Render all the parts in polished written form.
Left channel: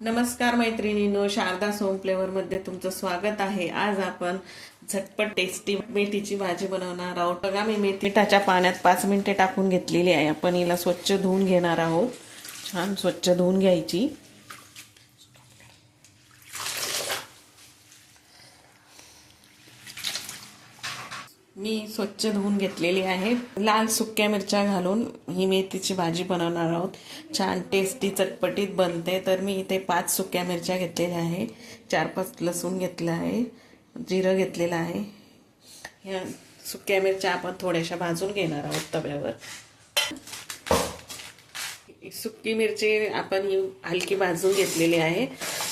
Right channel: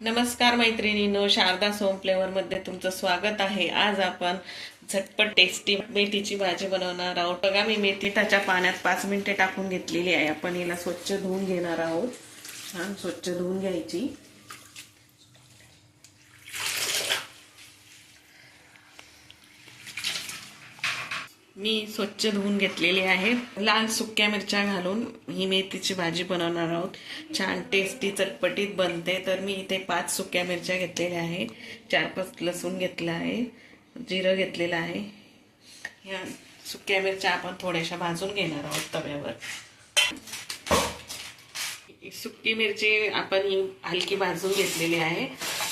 नमस्कार मैत्रिणींनो, शारदा सोम फ्लेवरमध्ये तुमचं स्वागत आहे। आज आपण झटपट टेस्टी मेथीची भाजी बनवणार आहोत। बघा, मी मेथीच्या पाण्यात 5 मिनिटे टाकून घेतलेली आहे। आपण हिला स्वच्छ धुवून घेणार आहोत। छान स्वच्छ धुवून घ्यायची। मी स्वच्छ धुवून घेतलेली आहे। लाल सुक्या मिरच्या घालून ही मेथीची भाजी बनवणार आहोत। छान टेस्टी चटपटीत बनते। तर मी इथे 5 सुक्या मिरच्या घेतलेल्या आहे, 4-5 लसूण घेतला आहे, जिरं घेतलेलं आहे। या सुक्या मिरच्या आपण थोड्याशा भाजून घेणार आहोत तव्यावर। सुकी मिरची आपण ही हलकी भाजून घेतलेली आहे।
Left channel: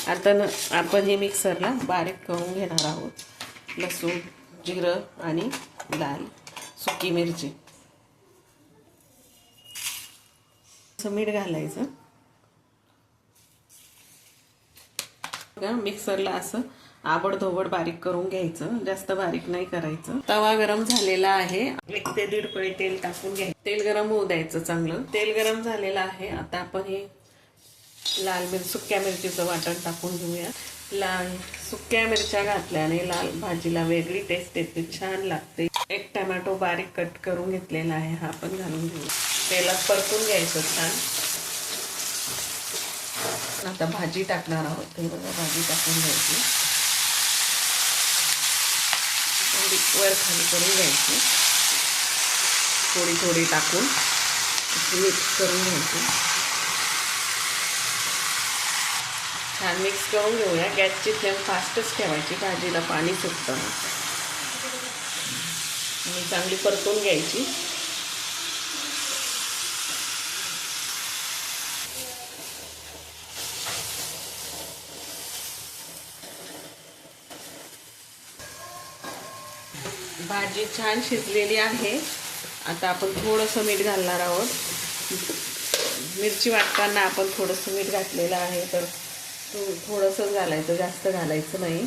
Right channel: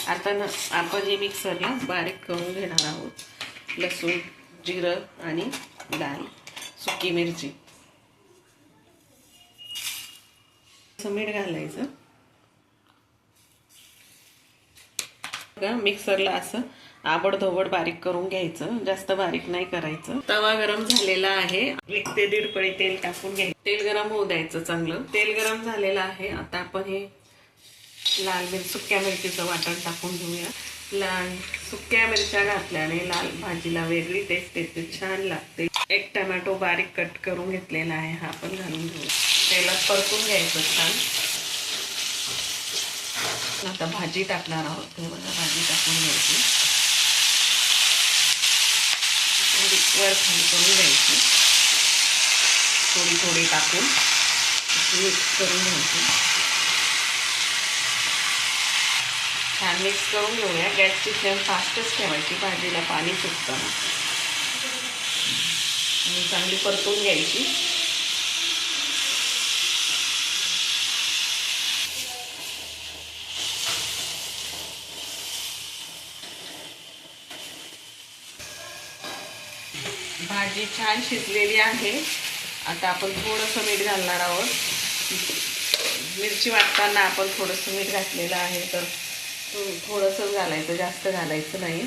आता आपण हे मिक्सरला बारीक करून घेणार आहोत। लसूण, जिरं आणि लाल सुकी मिरची, मीठ घालायचं। बघा, मिक्सरला असं आबडधोबड बारीक करून घ्यायचं, जास्त बारीक नाही करायचं। तवा गरम झालेला आहे, 1 ते 1.5 पळी तेल टाकून घ्यायचं। तेल गरम होऊ द्यायचं चांगलं। तेल गरम झालेलं आहे। आता आपण हे सुक्या मिरचीचं वाटण टाकून घेऊया। लाल सुक्या मिरच्या घातल्याने लाल भाजीला वेगळी टेस्ट येते, छान लागते। 1 टोमॅटो बारीक कट करून घेतलेला आहे, हा पण घालून घेऊ। तेलात परतून घ्यायचं छान। आता भाजी टाकणार आहोत। भाजी टाकून घ्यायची, वर खाली करून घ्यायची, थोडी थोडी टाकून मिक्स करून घ्यायची। छान मिक्स करून घेऊया। गॅसची फ्लेम फास्टच ठेवायची, भाजीला पाणी सुटतं आणि चांगली परतून घ्यायची। भाजी छान शिजलेली आहे। आता आपण थोडंसं मीठ घालणार आहोत। मिरची वाटताना आपण थोडंसं मीठ घातलेलं आहे, तर थोडंसं घालायचं, जास्त घालायचं नाही।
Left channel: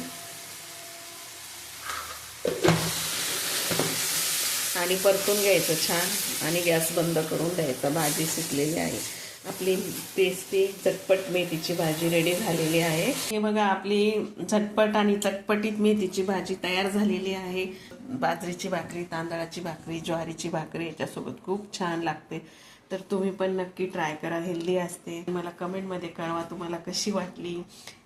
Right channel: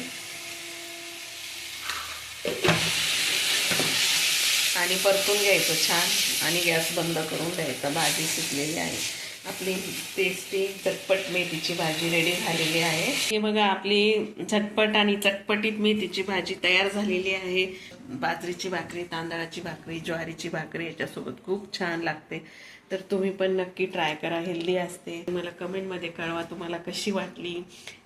आणि परतून घ्यायचं छान आणि गॅस बंद करून द्यायचा। भाजी शिजलेली आहे। आपली टेस्टी चटपट मेथीची भाजी रेडी झालेली आहे। हे बघा, आपली झटपट आणि चटपटीत मेथीची भाजी तयार झालेली आहे। बाजरीची भाकरी, तांदळाची भाकरी, ज्वारीची भाकरी याच्यासोबत खूप छान लागते। तर तुम्ही पण नक्की ट्राय करा, हेल्दी असते। मला कमेंटमध्ये कळवा तुम्हाला कशी वाटली।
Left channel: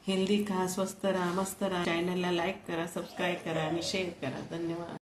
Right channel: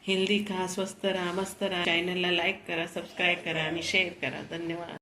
हेल्दी खा, स्वस्त राहा, मस्त राहा। चॅनलला लाईक करा, सबस्क्राईब करा आणि शेअर करा। धन्यवाद।